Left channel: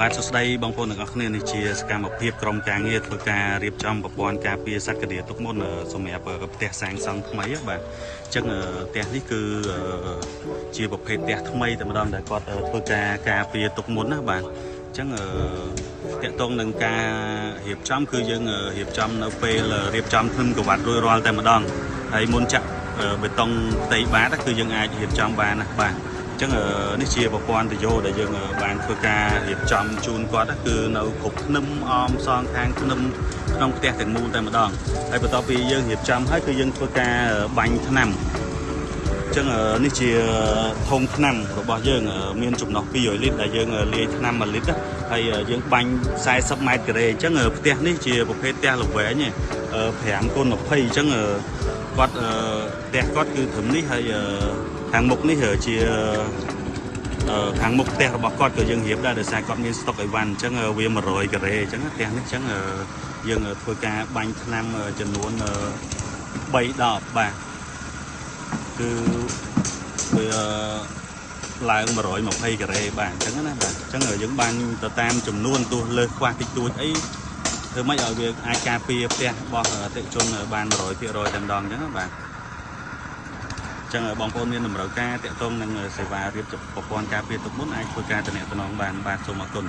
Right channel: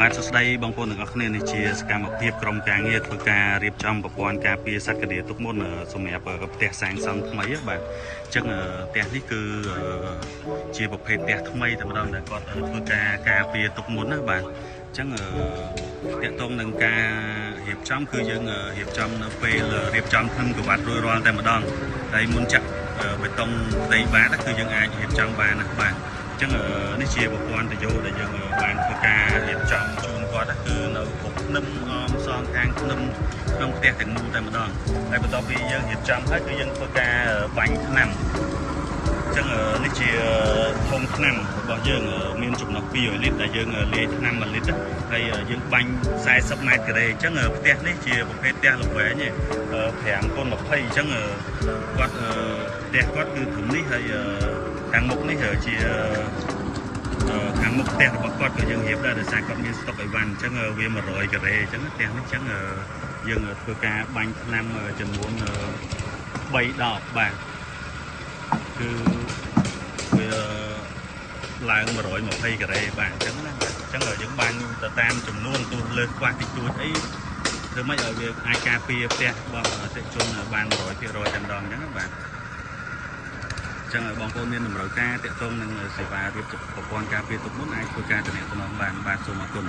បាទសួស្តីបងប្អូនទាំងអស់គ្នានេះជាសកម្មភាពក្រុមការងារធ្វើការរៀបចំប្រព័ន្ធការពារសត្វកាឌៀទុកមុនសម្រាប់ផ្ទះសាងសង់ថ្មីបាទអញ្ចឹងផ្ទះនេះគឺជាប្រភេទផ្ទះថ្មីតែម្ដងដែលគាត់ធ្វើការពារទុកមុនណាបាទអញ្ចឹងតាក់ទងនឹងការរៀបចំគឺយើងរៀបចំនៅពេលរៀបចំធ្នឹមក្រវ៉ាត់រួចរាល់តែម្ដងហើយមុនចាក់បេតុងផ្ទៃបាតគឺយើងអាចរៀបចំបានណាបាទអញ្ចឹងនេះជាប្រព័ន្ធទយោដែលយើងបានធ្វើការរៀបចំជូនគាត់គឺនៅគ្រប់ធ្នឹមអមសងខាងធ្នឹមក្នុងផ្ទះទាំងមូលតែម្ដងហើយបន្ទាប់ពីយើងរៀបចំហើយគឺយើងធ្វើការបាញ់ថ្នាំអញ្ចឹងនេះជាធុងថ្នាំរបស់យើងមានចំណុះ200លីត្រដែលយើងលាយថ្នាំ1លីត្រហើយយើងបាញ់40ម៉ែត្រការ៉េអញ្ចឹងផ្ទះនេះជាប្រភេទផ្ទះល្វែង5x20អញ្ចឹងគាត់ផ្ទះគាត់គឺត្រឹមនេះហើយខាងមុខនេះជាខាងមុខផ្ទះរបស់គាត់ក៏យើងរៀបដែរដោយសារគាត់មានស្តុកអីវ៉ាន់អញ្ចឹងវា100ការ៉េអញ្ចឹងផ្ទះនេះអញ្ចឹងយើងធ្វើការបាញ់ថ្នាំចំនួន3ដបបាទគឺវាឡើង120ការ៉េបាទអញ្ចឹងណាបាទអញ្ចឹងយើងបាញ់ទៅតាមចំនួនទោះលើសខ្វះតិចតួចអីធ្វើម៉េចឲ្យវាអាចការពារផ្ទះរបស់អតិថិជនបាន100%តែម្ដងអញ្ចឹងបាទចឹងបងប្អូនមានតម្រូវការតាក់ទងនឹងសេវារៀបចំប្រព័ន្ធការពារទុកមុនអាចធ្វើការទំនាក់ទំនងបានបាទសូមអរគុណ